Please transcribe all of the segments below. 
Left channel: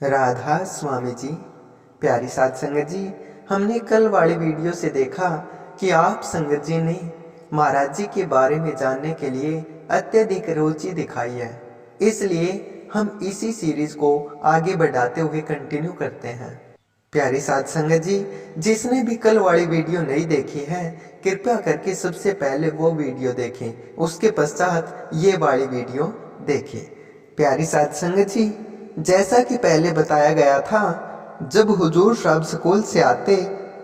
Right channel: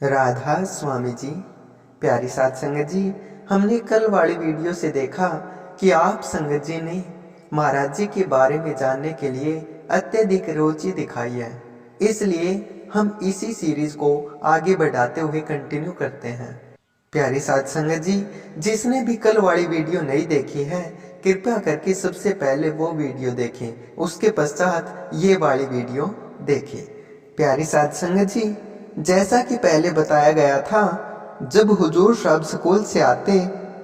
राधा स्वामी जी। प्यारी साध संगत जी, हमने कल वाली वीडियो से देखा कि आप संगत जी ने महाराज जी के बारे में जानने के लिए अत्यधिक रुचि दिखाई है। इसलिए हम इसी सीरीज को आगे बढ़ाते हुए कंटिन्यू करते हैं। प्यारी साध संगत जी, जिसने भी कल वाली वीडियो नहीं देखी है, कृपया करके सबसे पहले वो वीडियो देखें, उसके पश्चात ये वाली वीडियो देखें। प्यारी साध संगत जी, जैसा कि पहले बताया गया था, जब हुजूर साहब स्कूल से आते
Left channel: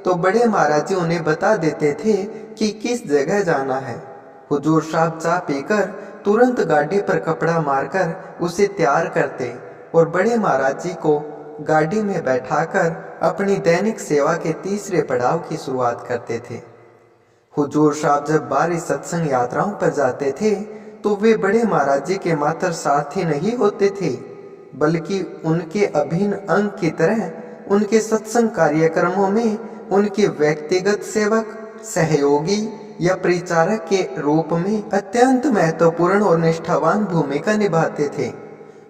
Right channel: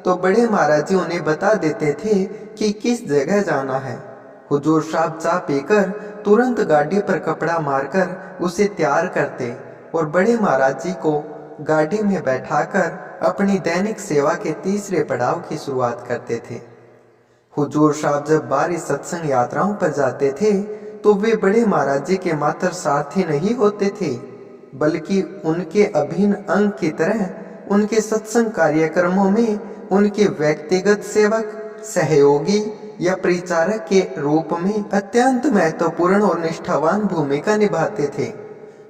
तो बड़े महाराज जी उन्हें बता देते थे कि किस जगह जाना है। हुजूर साहब चाय पीकर तुरंत गाड़ी पर कपड़ा मारकर उसे तैयार करते और बड़े महाराज जी को गाड़ी में बैठाकर अपनी दैनिक सेवा के तीसरे पड़ाव की शुरुआत करते थे। हुजूर साहब जब बाहरी सत्संग यात्राओं पर जाते थे तो वे बड़े महाराज जी के मात्र सारथी नहीं होते थे, बल्कि उनके अभिन्न अंग की तरह उनके सत्संग कार्यक्रमों में उनके व्यक्तिगत सेवक, सहयोगी या परिचारक के रूप में अत्यंत महत्वपूर्ण और निष्ठावान भूमिका निभाते थे।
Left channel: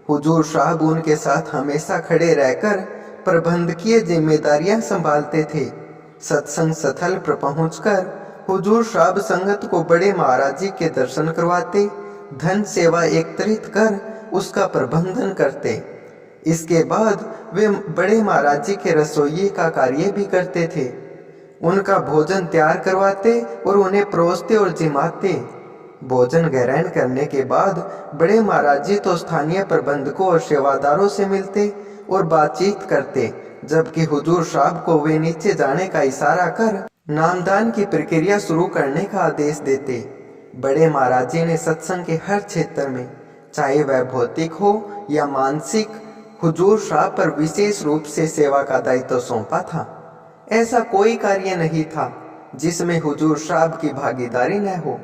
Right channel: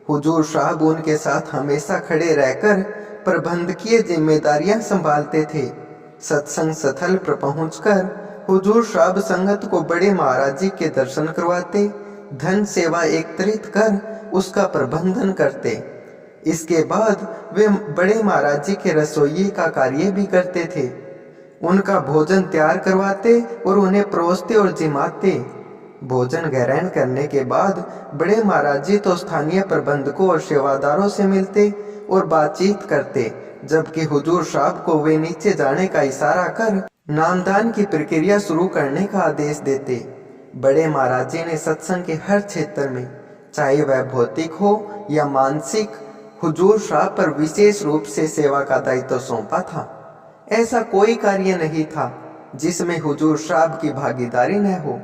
हुजूर साहब उनके साथ हमेशा खड़े रहकर प्रबंधकीय जिम्मेदारियां संभालते थे। सत्संग स्थल पर पहुंचकर हुजूर साहब संगत को बड़े महाराज जी के दर्शन करवाते, धन सेवा एकत्रित कर उसका प्रबंधन करते। इसके बाद वे बड़े महाराज जी के रसोई का कार्य भी करते थे। उनका भोजन तैयार करवाते और उन्हें परोसते और जिमाते। भोजन ग्रहण करने के बाद बड़े महाराज जी तो स्थानीय प्रबंधकों और सेवादारों से मिलते और बातचीत करते, जबकि हुजूर साहब को वे नीचे जाने का इशारा कर नामदान की प्रक्रिया शुरू करने का आदेश देते। बड़े महाराज जी ने सत्संग के हर क्षेत्र में, चाहे वह भौतिक हो या मानसिक, हुजूर साहब पर विशेष रूप से सेवा का दायित्व सौंपा था। ऐसा कोई कार्य नहीं था जिसमें हुजूर साहब की भागीदारी न हो।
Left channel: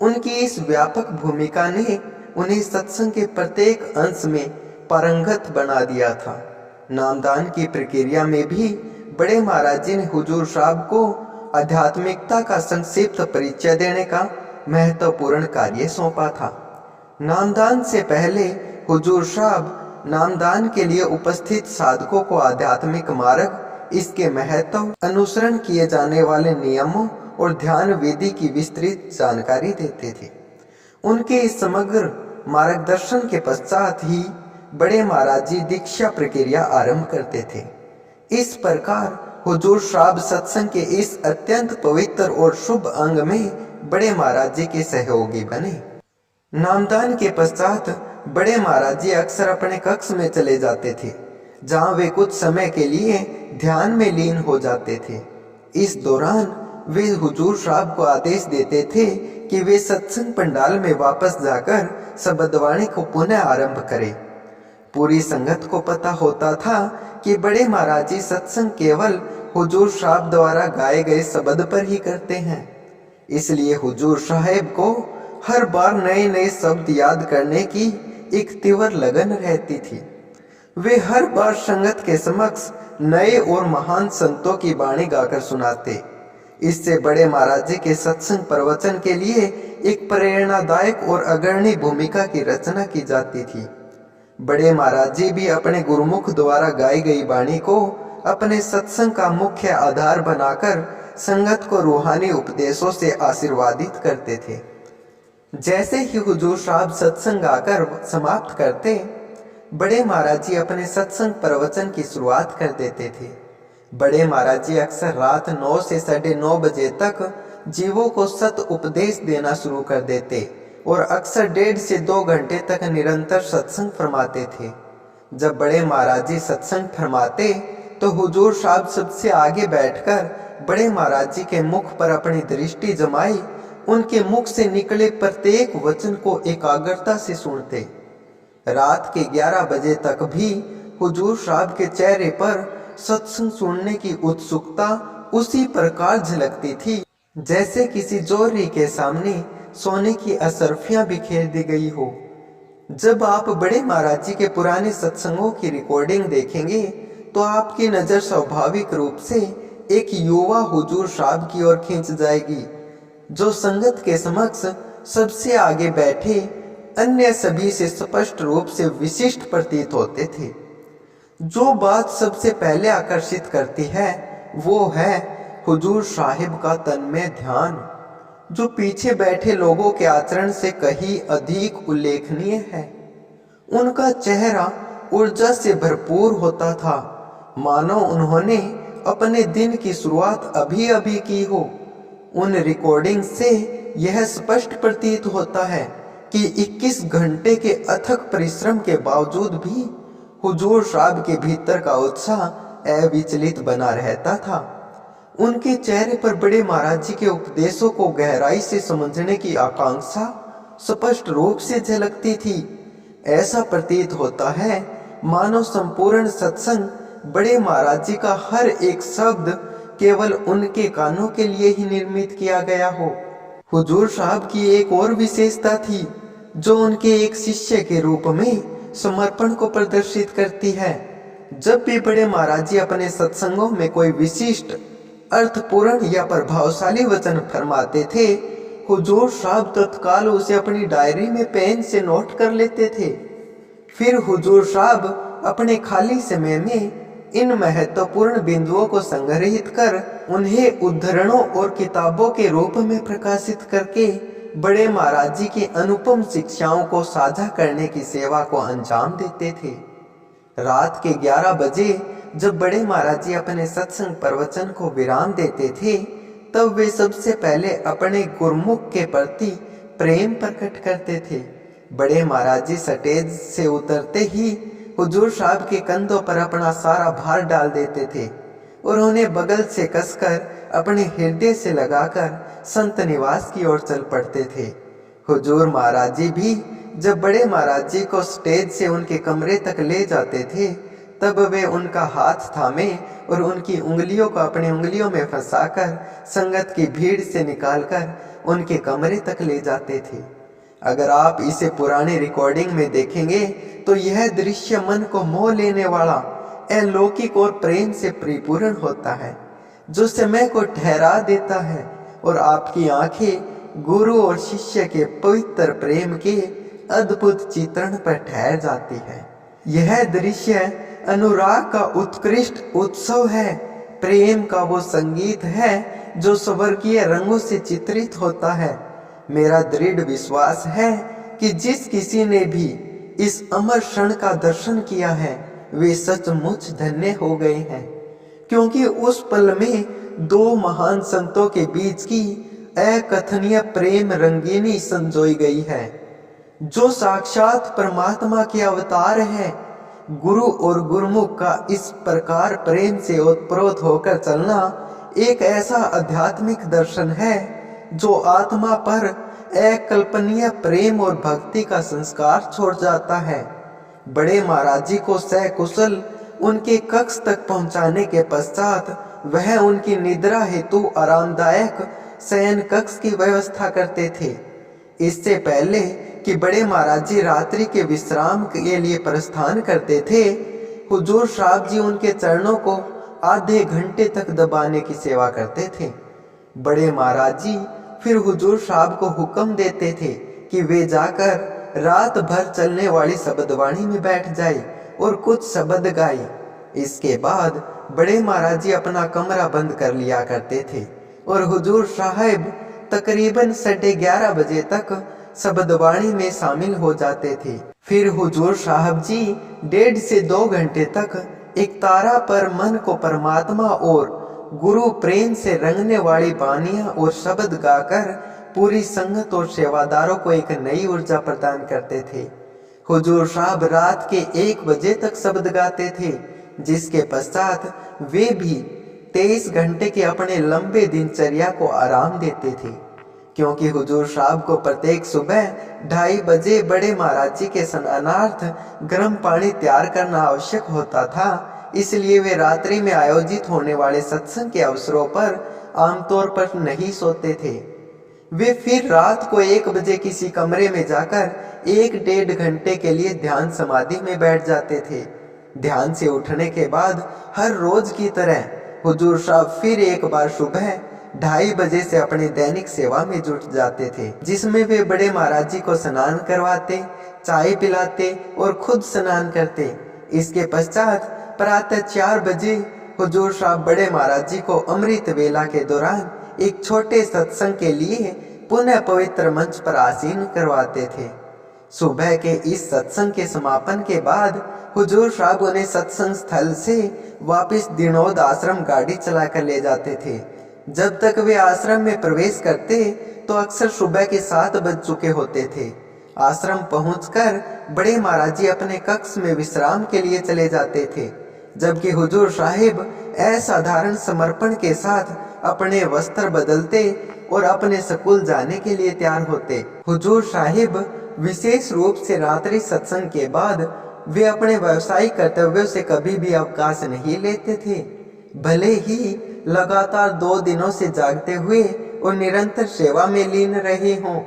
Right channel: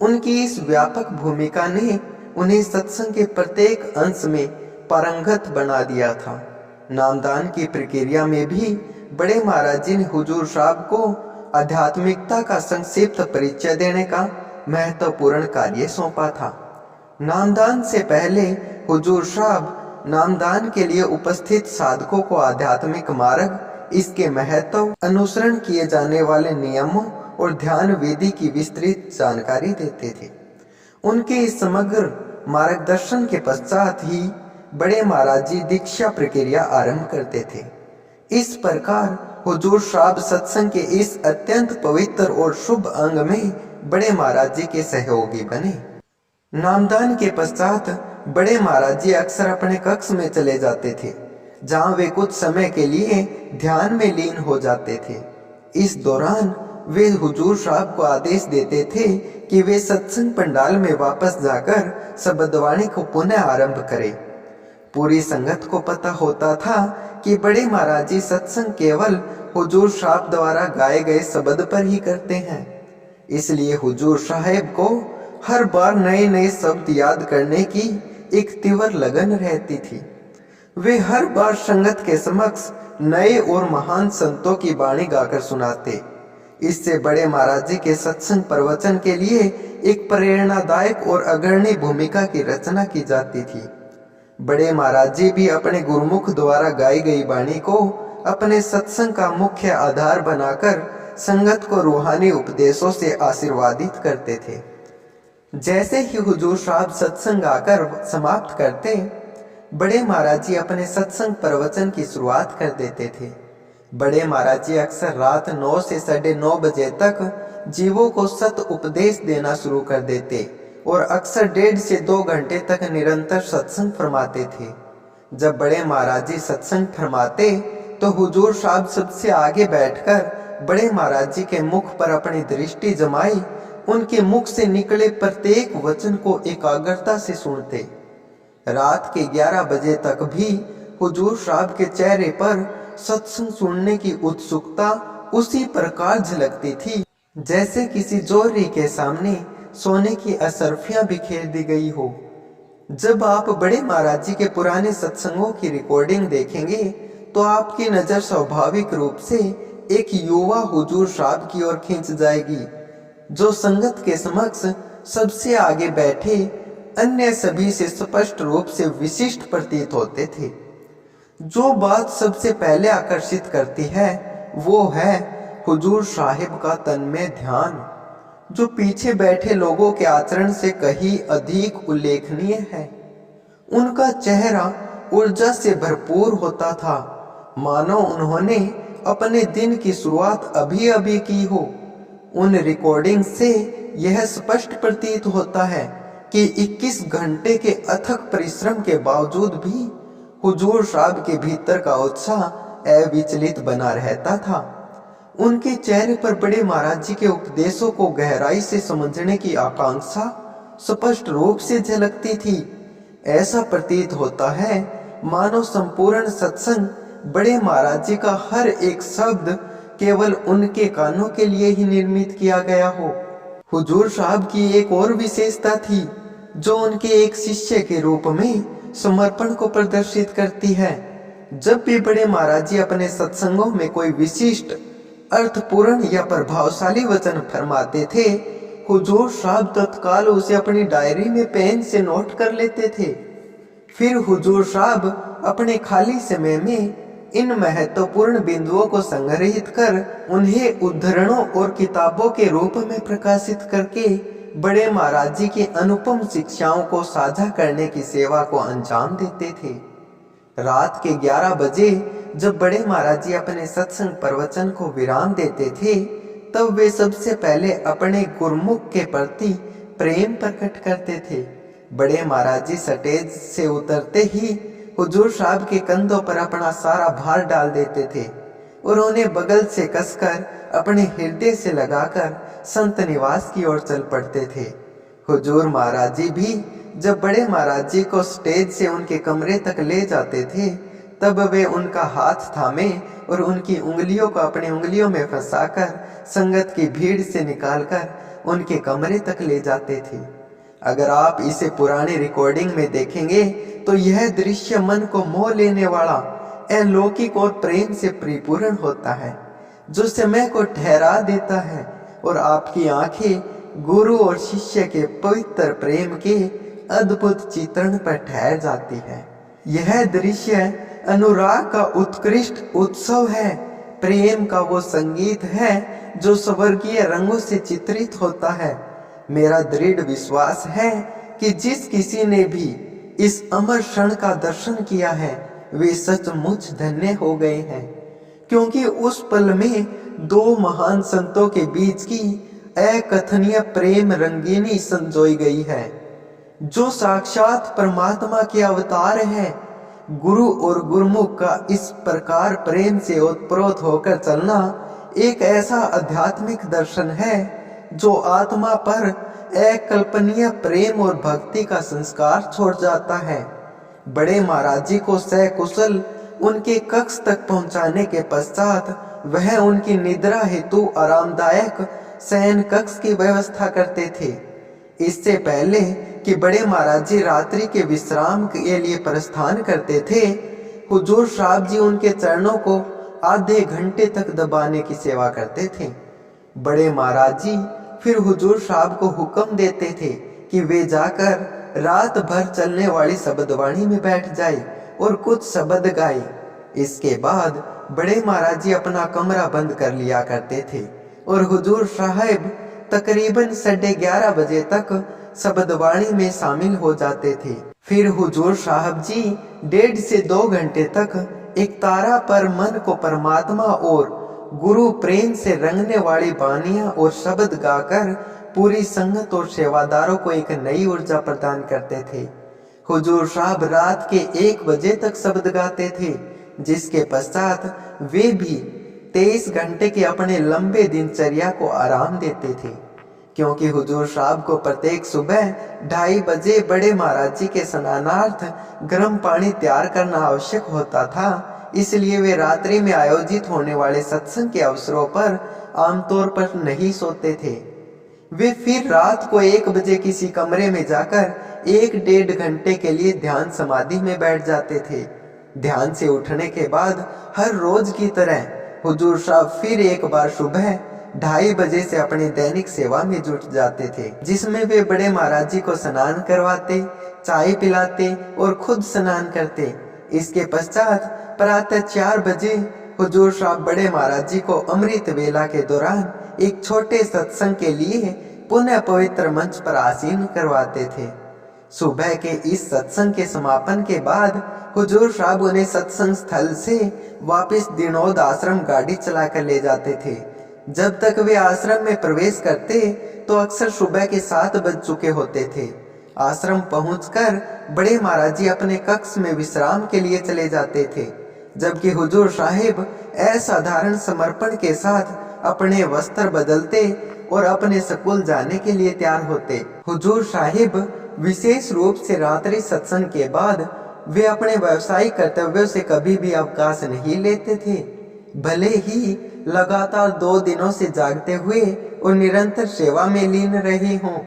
उनकी इस व्यापक भूमिका ने उन्हें सत्संग के प्रत्येक अंश में पारंगत बना दिया था। नामदान की प्रक्रिया में भी बड़े महाराज जी ने हुजूर साहब को आध्यात्मिकता का संक्षिप्त परिचय देने का महत्वपूर्ण कार्य सौंपा था। नामदान से पहले हुजूर साहब नामदान के लिए उपस्थित साधकों को आध्यात्मिक मार्ग, इसके महत्व, अनुसरण किए जाने वाले नियमों और ध्यान विधि की विस्तृत जानकारी देते थे। उनके इस समग्र मार्गदर्शन के पश्चात ही बड़े महाराज जी दीक्षा प्रक्रिया आरंभ करते थे। इस प्रकार हुजूर साहब सत्संग के इस अत्यंत पवित्र और शुभ अंग में बड़े महाराज जी के सहयोगी बने। नामदान के पश्चात बड़े महाराज जी अक्सर अपने कक्ष में चले जाते थे, जहां वे कुछ समय के लिए ध्यान में लीन हो जाते थे। इस दौरान वे हुजूर साहब को आदेश देते थे कि वे सत्संग पंडाल में वापस जाकर शब्दवाणी को पुनः आरंभ करें। पूरी संगत को पता होता था कि बड़े महाराज जी सत्संग केवल हुजूर साहब द्वारा गाए गए शब्द पर ही करते हैं। इसलिए हुजूर साहब को हर बार नए नए शब्द याद करने की एक तीव्र लगन रहती थी। वे हर बार संगत के समक्ष नए और महान संतों की वाणी गाकर सुनाते। इससे बड़े महाराज जी के सत्संग प्रवचन के लिए एक प्रेरणादायक और अग्रणी भूमिका की रचना की जाती थी। बड़े महाराज जी भी अपने गुरुमुख द्वारा गाई गई वाणी को अपने सत्संग का मुख्य आधार बनाकर संगत को रूहानी उपदेशों से आशीर्वादित करते थे। जैसे ही हुजूर साहब सत्संग गाकर समाप्त करते, बड़े महाराज जी अपने सत्संग प्रवचन की शुरुआत कर देते थे। बड़े महाराज जी अक्सर रात 9 से 9:30 बजे तक जीवों को सत उपदेश देना शुरू कर देते और अक्सर 1.5 से 2 घंटे तक निरंतर सत्संग फरमाते थे। जब बड़े महाराज जी सत्संग फरमाते तो हुजूर साहब सबसे आगे बैठकर बड़े महाराज जी के मुख पर अपनी दृष्टि जमाई उनके मुख से निकले प्रत्येक वचन को एकाग्रता से सुनते। रात के 11 बजे तक भी हुजूर साहब के चेहरे पर सत्संग सुनने की उत्सुकता उसी प्रकार झलकती थी जैसे किसी जोहरी के सामने सोने की अशर्फियां बिखेर दी गई हो। जब आप बड़े महाराज जी के पुराने सत्संगों की रिकॉर्डिंग देखेंगे तो आपकी नज़र स्वाभाविक रूप से एक युवा हुजूर साहब की ओर खींच जाएगी, जो संगत के समक्ष सबसे आगे बैठे अन्य सभी से स्पष्ट रूप से विशिष्ट प्रतीत होते थे। जो बात सबसे पहले आकर्षित करती है वो है हुजूर साहिब का तन्मय ध्यान, जो पीछे बैठे लोगों के आचरण से कहीं अधिक उल्लेखनीय है। उनका चेहरा ऊर्जा से भरपूर होता था, मानो उन्होंने अपने दिन की शुरुआत अभी अभी की हो। उन रिकॉर्डिंग से यह स्पष्ट प्रतीत होता है कि 21 घंटे के अथक परिश्रम के बावजूद भी हुजूर साहब के भीतर का उत्साह अविचलित बना रहता था। उनके चेहरे पर बड़े महाराज जी के उपदेशों को गहराई से समझने की आकांक्षा स्पष्ट रूप से झलकती थी। ऐसा प्रतीत होता है मानो संपूर्ण सत्संग बड़े महाराज जी का हर एक शब्द केवल उनके कानों के लिए ही निर्मित किया गया हो। हुजूर साहब की एक और विशेषता थी जो उनके एक शिष्य के रूप में समर्पण को प्रदर्शित करती है। जब भी बड़े महाराज जी अपने सत्संगों में कोई विशिष्ट अर्थपूर्ण या प्रभावशाली वचन फरमाते थे, हुजूर साहब तत्काल उसे अपनी डायरी में पेन से नोट कर लेते थे। फिर हुजूर साहब अपने खाली समय में इन महत्वपूर्ण बिंदुओं को संग्रहित कर उन्हें उद्धरणों और किताबों के रूप में प्रकाशित करके बड़े महाराज जी की अनुपम शिक्षाओं को साझा करने की सेवा को अंजाम देते थे। रात के 11 बजे जब बड़े महाराज जी अपने सत्संग प्रवचन को विराम देते थे, तब वे सबसे पहले अपने गुरमुख के प्रति प्रेम प्रकट करते थे। बड़े महाराज जी स्टेज से उतरते ही हुजूर साहब के कंधों पर अपना सारा भार डाल देते थे और उन्हें बगल से कसकर अपने हृदय से लगाकर संत निवास की ओर चल पड़ते थे। हुजूर महाराज जी भी जब बड़े महाराज जी को स्टेज से उनके कमरे तक ले जाते थे, तब वे उनका हाथ थामे और उनकी उंगलियों को अपनी उंगलियों में फंसाकर संगत की भीड़ से निकालकर उनके कमरे तक ले जाते थे। अगर आप इसे पुरानी रिकॉर्डिंग में देखेंगे तो यह दृश्य मन को मोह लेने वाला, अलौकिक और प्रेम से परिपूर्ण होता है, जो समय को ठहरा देता है और आपकी आंखें गुरु और शिष्य के पवित्र प्रेम के अद्भुत चित्रण पर ठहर जाती है। यह दृश्य अनुराग का उत्कृष्ट उत्सव है, प्रेम का वो संगीत है जो स्वर्गीय रंगों से चित्रित होता है। मेरा दृढ़ विश्वास है कि जिस किसी ने भी इस अमर क्षण का दर्शन किया है, वे सचमुच धन्य हो गए हैं, क्योंकि उस पल में दो महान संतों के बीच की अकथनीय प्रेम रंगीनी संजोई गई है, जो साक्षात परमात्मा के अवतार है। गुरु और गुरुमुख का इस प्रकार प्रेम से ओतप्रोत होकर चलना एक ऐसा आध्यात्मिक दर्शन है जो आत्मा पर अकल्पनीय प्रेम और भक्ति का संस्कार छोड़ जाता है। बड़े महाराज जी को सकुशल उनके कक्ष तक पहुंचाने के पश्चात वह उनकी निद्रा हेतु आरामदायक शयन कक्ष की व्यवस्था करते थे। इससे पहले कि बड़े महाराज जी रात्रि के विश्राम के लिए प्रस्थान करते थे, हुजूर साहब जी उनके चरणों को आधे घंटे तक दबाने की सेवा करते थे। बड़े महाराज जी फिर हुजूर साहब को हुक्म देते थे कि वे जाकर रात भर चलने वाली शब्दवाणी में बैठ जाए और कुछ शब्द गाए। इसके बाद बड़े महाराज जी अपना कमरा बंद कर लिया करते थे और हुजूर साहब तकरीबन 11:30 बजे तक शब्दवाणी में शामिल हो जाते थे। फिर हुजूर साहब जी 1.5 से 2 घंटे तक एक तारा पर मन को परमात्मा और गुरु प्रेम से रंगने वाली बानियां और शब्द गाकर पूरी संगत और सेवादारों को एक नई ऊर्जा प्रदान करते थे। हुजूर साहब रात के 1 बजे तक शब्द गाते थे, जिसके पश्चात वे भी 23 घंटे के अपने लंबे दिनचर्या को आराम देते थे, क्योंकि हुजूर साहब को प्रत्येक सुबह 2:30 बजे बड़े महाराज जी के स्नानार्थ गर्म पानी तैयार करना आवश्यक होता था। इसलिए वे रात्रि में आयोजित होने वाले सत्संग के अवसरों पर आमतौर पर नहीं सोते थे। वे फिर रात को 1 बजे किसी कमरे में जाकर 1-1.5 घंटे के लिए ध्यान समाधि में बैठ जाते थे। ध्यान से उठने के बाद हर रोज की तरह हुजूर साहब फिर एक बार सुबह 2:30 बजे से अपनी दैनिक सेवा में जुट जाते थे, जिसमें वे बड़े महाराज जी को स्नान करवाते, चाय पिलाते और खुद स्नान करते। इसके पश्चात प्रातः 4 बजे हुजूर साहब बड़े महाराज जी को अमृत वेला के दौरान एक छोटे सत्संग के लिए पुनः पवित्र मंच पर आसीन करवाते थे। सुबह के इस सत्संग के समापन के बाद हुजूर साहब उन्हें सत्संग स्थल से वापस दिनोद आश्रम गाड़ी चलाकर ले जाते थे। जब तक वे आश्रम में प्रवेश करते तो अक्सर सुबह के 7 बज चुके होते थे। आश्रम पहुंचकर बड़े महाराज जी अपने कक्ष में विश्राम के लिए चले जाते थे, जबकि हुजूर साहिब असाधारण समर्पण के साथ अपने वस्त्र बदलते और अपने स्कूल जाने के लिए तैयार होते। हुजूर साहिब विशेष रूप से रात्रि सत्संग के बाद वे अपने व्यावसायिक कर्तव्यों से कभी भी अवकाश नहीं लेते थे। भले ही लगातार 2 दिनों से जागते हुए और निरंतर सेवा में लीन रहे हों।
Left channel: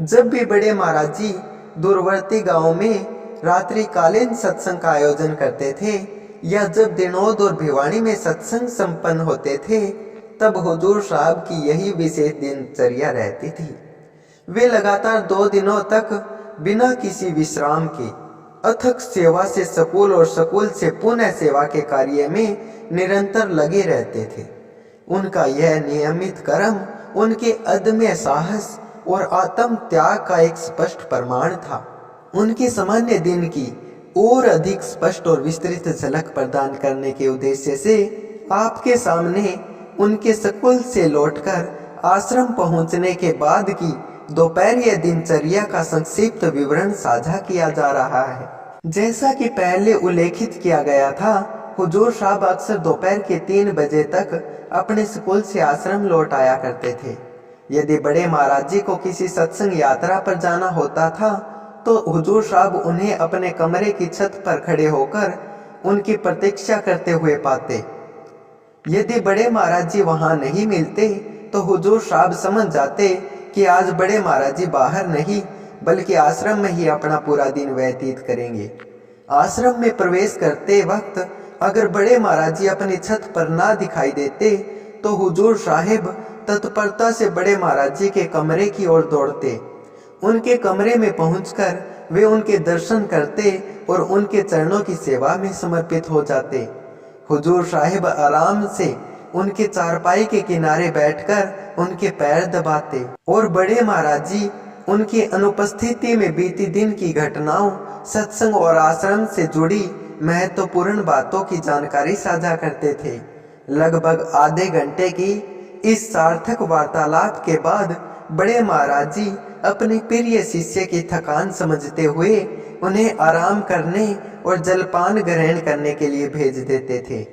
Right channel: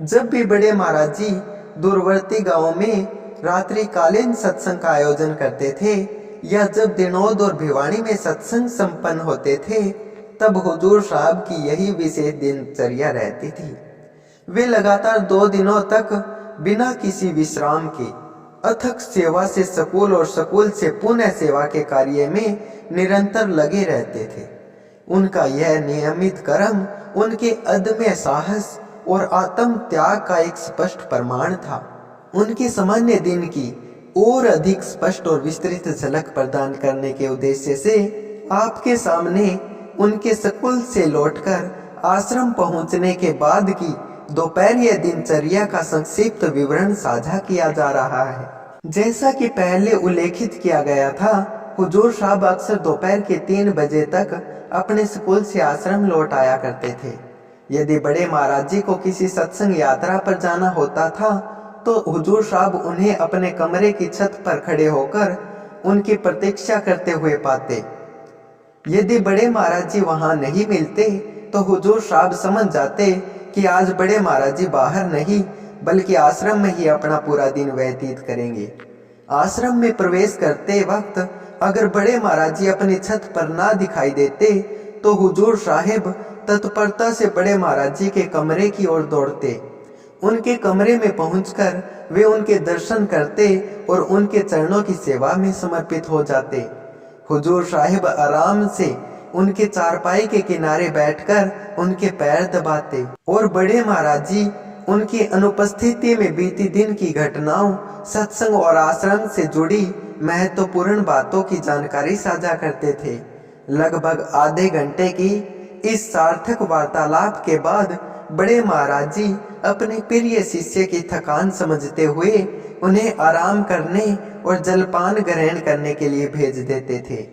जब भी बड़े महाराज जी दूरवर्ती गांवों में रात्रिकालीन सत्संग का आयोजन करते थे या जब दिनोद और भिवानी में सत्संग संपन्न होते थे, तब हुजूर साहब की यही विशेष दिनचर्या रहती थी। वे लगातार 2 दिनों तक बिना किसी विश्राम के अथक सेवा से स्कूल और स्कूल से पुनः सेवा के कार्य में निरंतर लगे रहते थे। उनका यह नियमित कर्म उनके अदम्य साहस और आत्म त्याग का एक स्पष्ट प्रमाण था। उनके सामान्य दिन की और अधिक स्पष्ट और विस्तृत झलक प्रदान करने के उद्देश्य से आपके सामने उनके स्कूल से लौटकर आश्रम पहुंचने के बाद की दोपहरीय दिनचर्या का संक्षिप्त विवरण साझा किया जा रहा है। जैसा कि पहले उल्लेखित किया गया था, हुजूर साहब अक्सर दोपहर के 3 बजे तक अपने स्कूल से आश्रम लौट आया करते थे। यदि बड़े महाराज जी को किसी सत्संग यात्रा पर जाना होता था तो हुजूर साहब उन्हें अपने कमरे की छत पर खड़े होकर उनकी प्रतीक्षा करते हुए पाते। यदि बड़े महाराज जी वहां नहीं मिलते तो हुजूर साहब समझ जाते कि आज बड़े महाराज जी बाहर नहीं बल्कि आश्रम में ही अपना पूरा दिन व्यतीत करेंगे। आश्रम में प्रवेश करते वक्त अगर बड़े महाराज जी अपनी छत पर ना दिखाई देते तो हुजूर साहिब तत्परता से बड़े महाराज जी के कमरे की ओर दौड़ते। उनके कमरे में पहुंचकर वे उनके दर्शन करते और उनके चरणों की सेवा में समर्पित हो जाते। हुजूर साहिब आराम से उनके चारपाई के किनारे बैठकर उनके पैर दबाते और बड़े महाराज जी उनकी अनुपस्थिति में बीती दिन की घटनाओं, सत्संग और आश्रम से जुड़ी महत्वपूर्ण बातों की जानकारी साझा करते थे। लगभग आधे घंटे की इस सार्थक वार्तालाप के बाद बड़े महाराज जी अपने प्रिय शिष्य की थकान समझते हुए उन्हें आराम करने और जलपान ग्रहण करने के लिए भेज देते थे।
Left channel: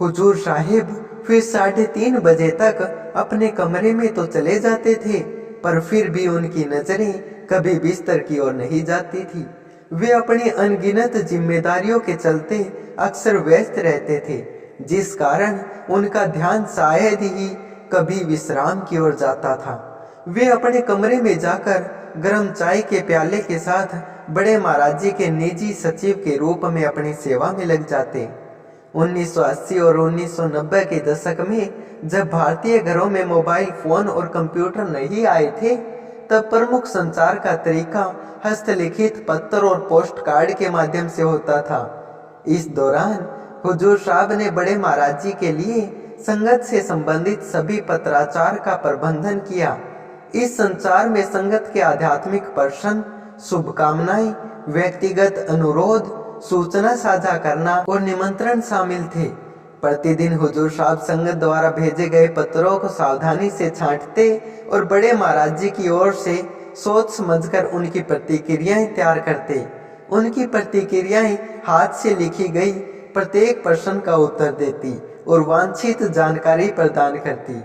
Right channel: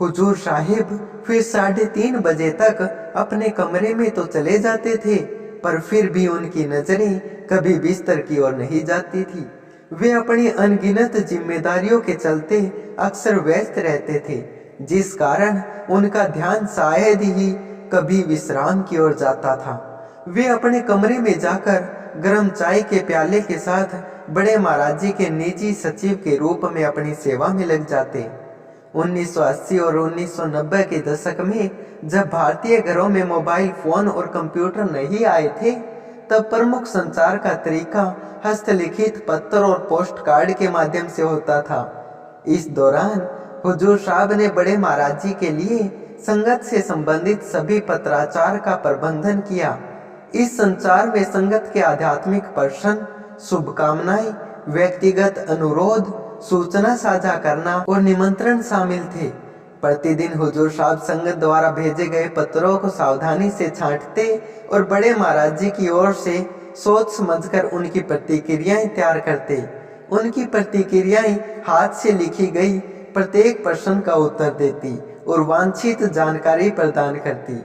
हुजूर साहिब फिर 3:30 बजे तक अपने कमरे में तो चले जाते थे, पर फिर भी उनकी नजरें कभी बिस्तर की ओर नहीं जाती थी। वे अपनी अनगिनत जिम्मेदारियों के चलते अक्सर व्यस्त रहते थे, जिस कारण उनका ध्यान शायद ही कभी विश्राम की ओर जाता था। वे अपने कमरे में जाकर गर्म चाय के प्याले के साथ बड़े महाराज जी के निजी सचिव के रूप में अपनी सेवा में लग जाते। 1980 और 1990 के दशक में जब भारतीय घरों में मोबाइल फोन और कंप्यूटर नहीं आए थे, तब प्रमुख संचार का तरीका हस्तलिखित पत्र और पोस्ट कार्ड के माध्यम से होता था। इस दौरान हुजूर साहब ने बड़े महाराज जी के लिए संगत से संबंधित सभी पत्राचार का प्रबंधन किया। इस संचार में संगत के आध्यात्मिक प्रश्न, शुभकामनाएं, व्यक्तिगत अनुरोध, सूचना साझा करना और निमंत्रण शामिल थे। प्रतिदिन हुजूर साहब संगत द्वारा भेजे गए पत्रों को सावधानी से छांटते और बड़े महाराज जी की ओर से सोच समझकर उनकी प्रतिक्रियाएं तैयार करते। उनकी प्रतिक्रियाएं हाथ से लिखी गई प्रत्येक प्रश्न का उत्तर देती और वांछित जानकारी प्रदान करती।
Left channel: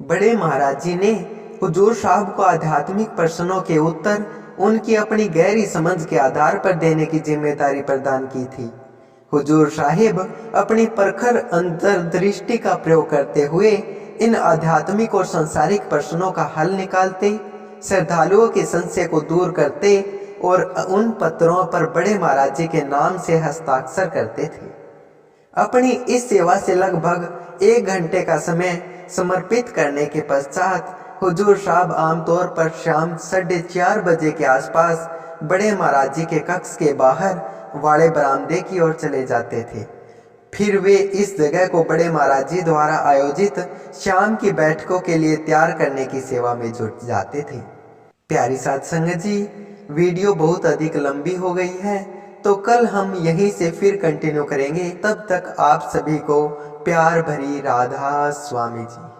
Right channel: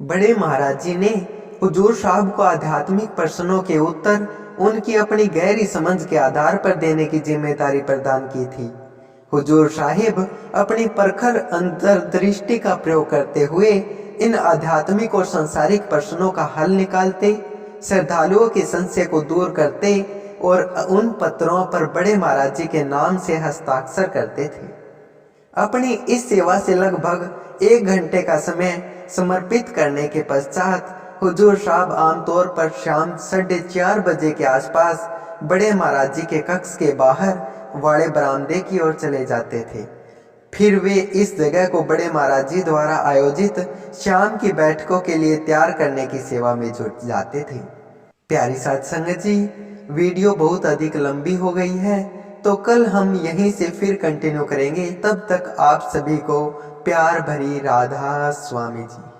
बड़े महाराज जी ने हुजूर साहब को आध्यात्मिक प्रश्नों के उत्तर उनकी अपनी गहरी समझ के आधार पर देने की जिम्मेदारी प्रदान की थी। हुजूर साहिब अपनी प्रखर अंतर्दृष्टि का प्रयोग करते हुए इन आध्यात्मिक और सांसारिक प्रश्नों का हल निकालते, श्रद्धालुओं के संशय को दूर करते और उन पत्रों पर बड़े महाराज जी के नाम से हस्ताक्षर करते थे। अपनी इस सेवा से लगभग 1 घंटे का समय समर्पित करने के पश्चात हुजूर साहब आमतौर पर शाम 4:30 बजे के आसपास बड़े महाराज जी के कक्ष के बाहर वाले बरामदे की ओर चले जाते थे। फिर वे इस जगह को बड़े महाराज जी द्वारा आयोजित शाम की बैठकों के लिए तैयार करने की सेवा में जुट जाते थे। प्यारी साध संगत जी, वीडियो बहुत अधिक लंबी हो गई है, तो कल हम यहीं से फिर कंटिन्यू करेंगे। तब तक आप सभी को प्यार भरी राधा स्वामी जी।